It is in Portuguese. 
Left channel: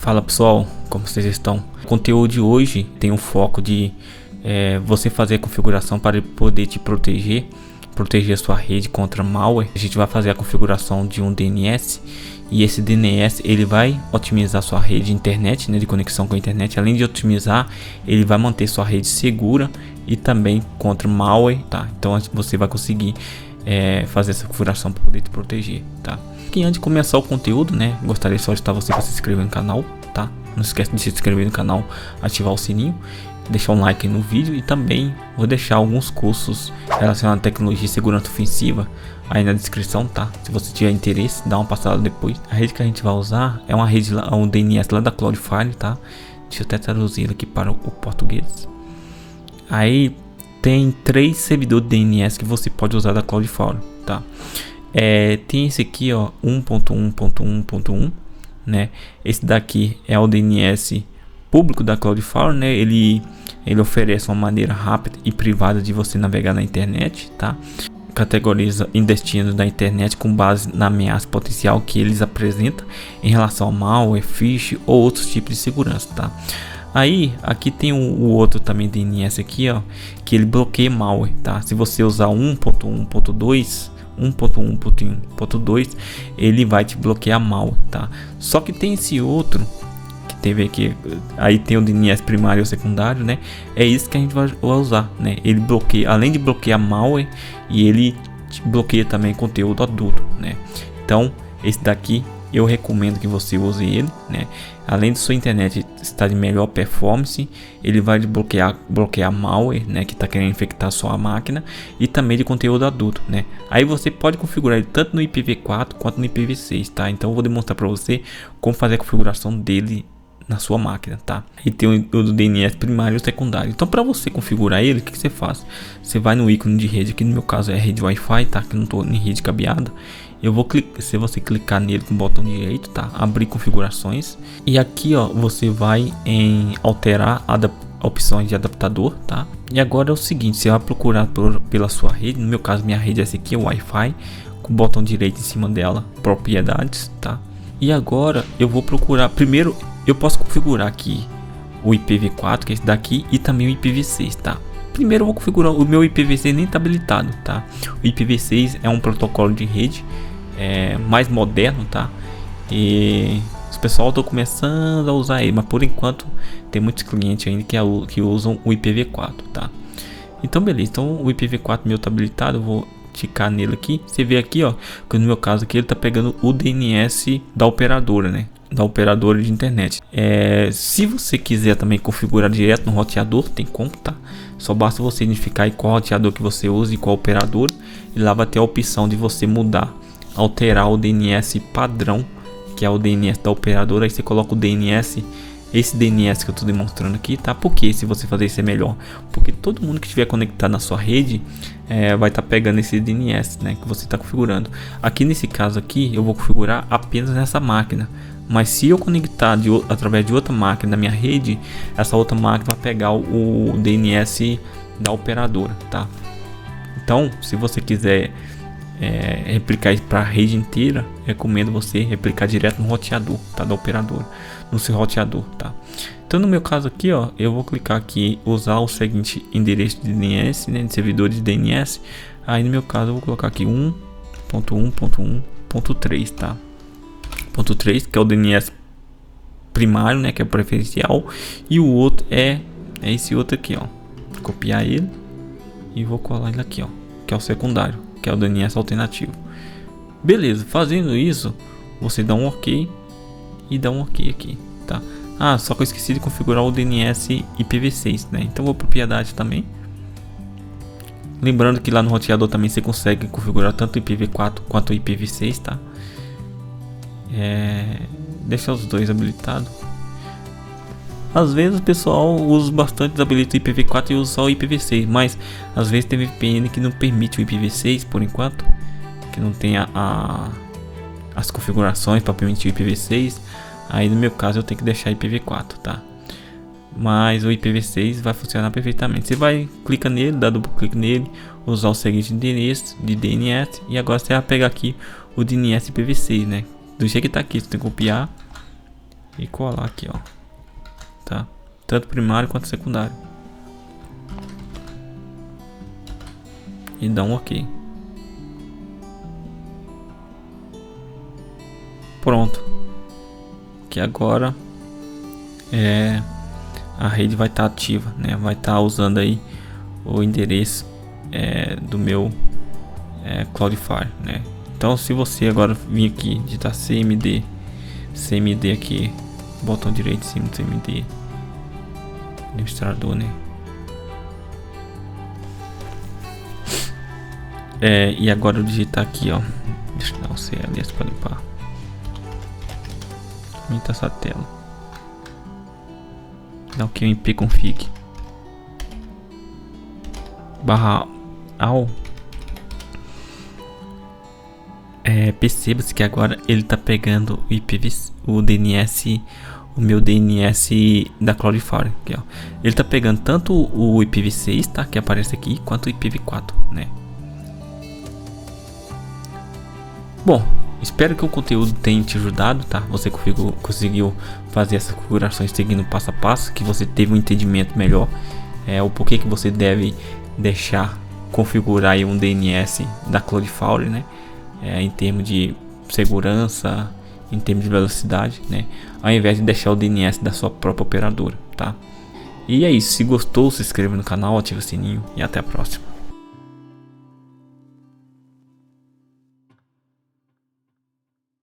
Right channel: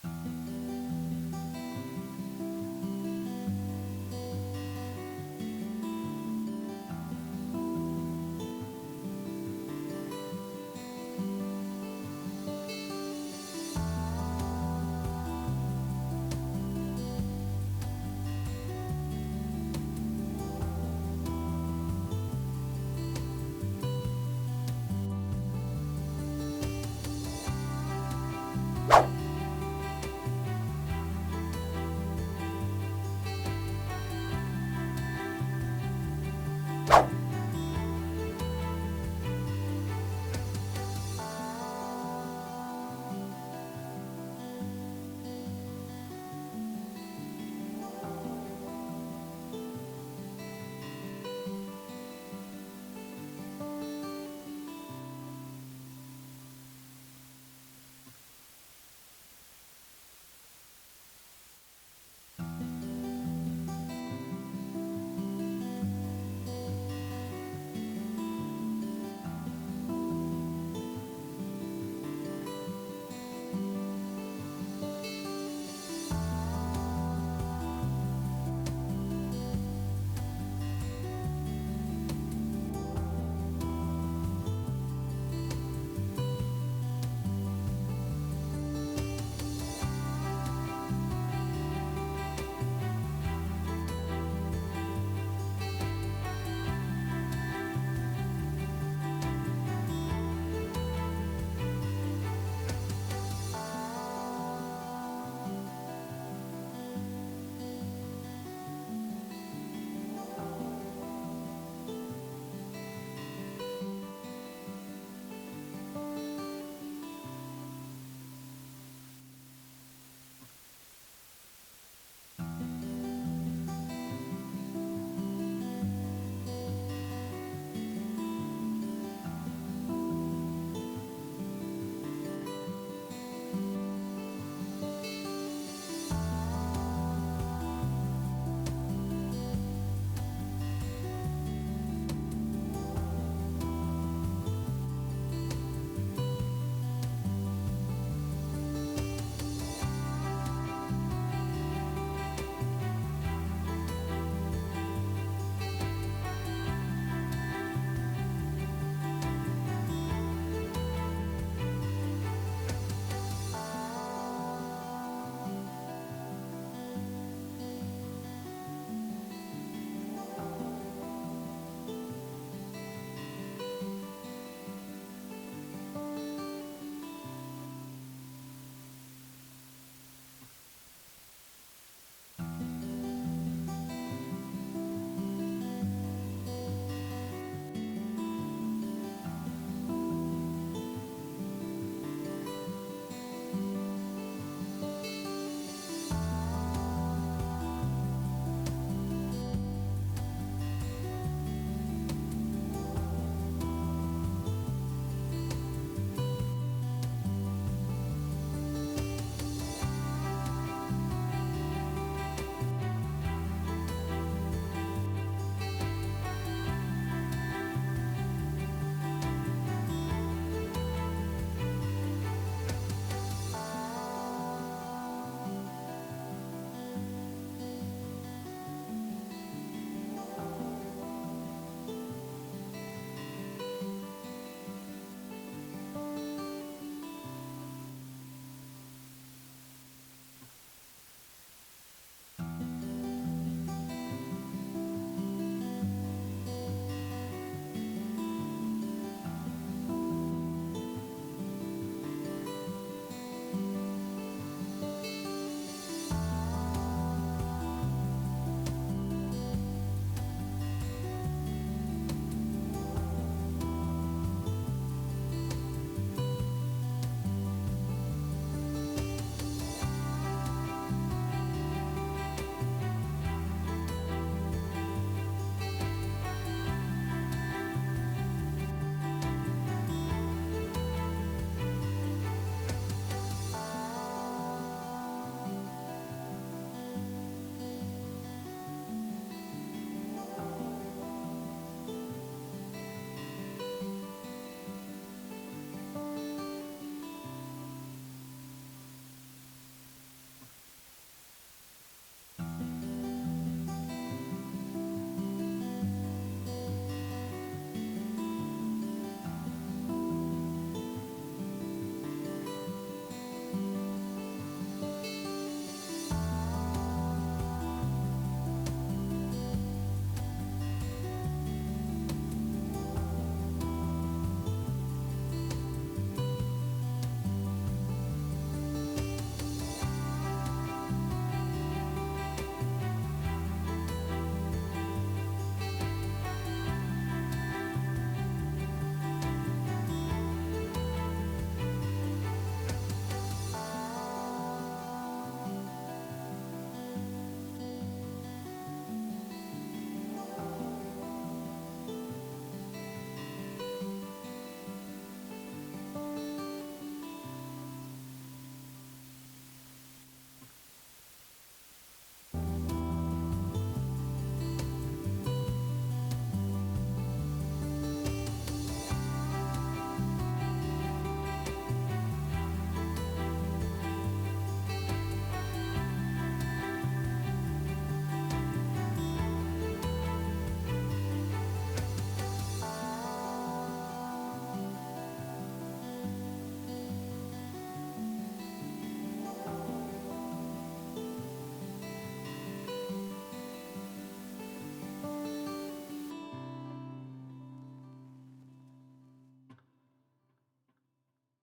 Fala pessoal, como vocês estão? O conteúdo de hoje tem um foco de você fazer a configuração para poder te proteger a sua rede contra malware. A gente vai fazer a configuração de um DNS e esse DNS ele vai otimizar sua rede de internet, de conexão com a internet. Além de otimizar, ele vai manter sua rede segura e também contra malware, tá? Então você vai conseguir fazer essa configuração para poder te proteger, tá? E antes de começar o conteúdo, gostaria só de você se inscrever no canal, tá? Não esquece de se inscrever no canal, ativar o sininho, deixar um like no vídeo e também vou deixar alguns cursos relacionados à tecnologia e segurança ofensiva aí na descrição, tá? Se você tiver interesse, dá uma passada depois. A rede que a gente vai usar é uma rede, um DNS lá da Cloudflare, tá? Deixa eu até traduzir aqui para o português. Aí tem 3 servidores de DNS que você pode usar da Cloudflare, tá? Tem esse aqui, ó, 1.1.1.1, né? Esse daqui é o DNS público da Cloudflare, né? Ele oferece uma maneira rápida e privada de você navegar na internet, tá? Categoriza destinos da internet com base na ameaça potencial que eles apresentam em relação ao malware, phishing ou outros tipos de segurança, tá? Aí aqui tem o outro também DNS aqui, ó, que ele bloqueia malware, tá? Se você usar 1.1.2, ele vai te bloquear malware, tá? Só que tem esse outro que teve aqui, aí tem o DNS primário ou secundário, né? É isso que a gente vai usar, né? Ele bloqueia, além de bloquear malware, e ele te bloqueia também conteúdo adulto, né? Então esse daqui eu recomendo que você use ele, né? Além de sua internet estar de melhor performance, ele vai bloquear malware, né, que está querendo infectar sua máquina, e também de conteúdo adulto, né? Aí você pode configurar ele tanto no IPv4 quanto no IPv6, tá? Então eu vou demonstrar para você como fazer a configuração dele na sua máquina, tá? E tem o DNS primário e o secundário. Então para você configurar ele, o que você faz? Você vai no ícone de rede, que no meu caso é rede Wi-Fi, tá? Que não estou em rede cabeada. Eu vou clicar, se você clicar nele com o botão direito, tá? Abrir configurações, e aqui, ó, você vai em alterar opções de adaptador, tá? E agora é o seguinte, você vai procurar pela sua rede. No meu caso, minha rede é essa aqui, o Wi-Fi, com o botão direito em cima dela, propriedades, tá? E agora eu vou procurar, primeiro eu posso configurar aqui o IPv4, que é esse daqui, e também o IPv6, tá? Primeiro eu vou configurar o meu IPv6, nem tá habilitado, tá? O IPv6 é um protocolo de rede mais moderno, tá? E os pessoal estão começando a usar ele, mas por enquanto tem muitos clientes ainda que usam o IPv4, tá? Então beleza, então o IPv4 meu tá habilitado, eu vou ticar nele aqui. Você vê aqui, ó, que no meu caso aqui ele tá pegando o DNS da operadora, né? Da operadora de internet. Se você quiser também configurar direto no roteador, tem como, tá? Só basta você identificar aí qual roteador que você usa e qual operador, e lá vai ter a opção de você mudar, alterar o DNS padrão, que é o DNS da operadora. Aí você coloca o DNS, esse DNS que eu estou demonstrando aqui, tá? Porque se você fazer isso é melhor, porque todo mundo que estiver conectado na sua rede vai estar pegando esse DNS, né, que você está configurando. Aqui nesse caso aqui eu vou configurar apenas nessa máquina, mas se eu conectar através de outra máquina na minha rede, essa outra máquina vai pegar o DNS da operadora, tá? Então se você quiser replicar isso para a rede inteira, recomendo você replicar direto no roteador, tá? Da operadora, no seu roteador, tá? Então no meu caso aqui, ó, eu vou clicar aqui, usar o seguinte endereço de DNS, né, de servidor de DNS. Aí no meu caso eu vou colocar aqui 1.1.1.3, tá? Ponto 3, que é o DNS primário, né, que é preferencial, e o outro é esse outro aqui, ó. Vou copiar ele e vou colar ele aqui, ó, que é o secundário, que é o DNS alternativo. Beleza, fazendo isso, você dá um OK e dá um OK aqui, tá? Ah, só que eu esqueci de configurar o DNS IPv6, né? Então vou propriedade também. Lembrando que lá no roteador também você consegue configurar tanto o IPv4 quanto o IPv6, tá? Deixar os dois habilitados. Às vezes o pessoal usa bastante, habilita o IPv4 e usa só o IPv6, mas às vezes tem VPN que não permite o IPv6 por enquanto, que não tem as configurações para permitir o IPv6. Aí no meu caso eu tenho que deixar IPv4, tá? Mas o IPv6 vai funcionar perfeitamente. Você vai, clica nele, dá duplo clique nele, usar o seguinte endereço de DNS, e agora você vai pegar aqui o DNS IPv6, né? Do jeito que tá aqui, você tem que copiar e colar aqui, ó, tá? Tanto primário quanto secundário. E dá um OK. Pronto. Que agora a rede vai estar ativa, né? Vai estar usando aí o endereço do meu Cloudflare, né? Então, se você agora vir aqui digitar CMD aqui, botão direito em cima do CMD, administrador, né? E agora eu digitar aqui, ó, deixa eu dar o CLS para limpar. Aumentar essa tela. Dá o QMP config /all. Perceba-se que agora ele tá pegando o IPv6, o DNS, o meu DNS da Cloudflare aqui, ó. Ele tá pegando tanto o IPv6, tá, que aparece aqui, quanto o IPv4, né? Bom, espero que o conteúdo tenha te ajudado, tá? Você conseguiu fazer essas configurações seguindo passo a passo, que você teve um entendimento melhor o porquê que você deve deixar configurar aí um DNS da Cloudflare, né? Em termos de segurança, em termos de velocidade, né? Ao invés de deixar o DNS da sua própria operadora, tá? E é isso. Se gostou, se inscreva no canal, ative o sininho e até a próxima.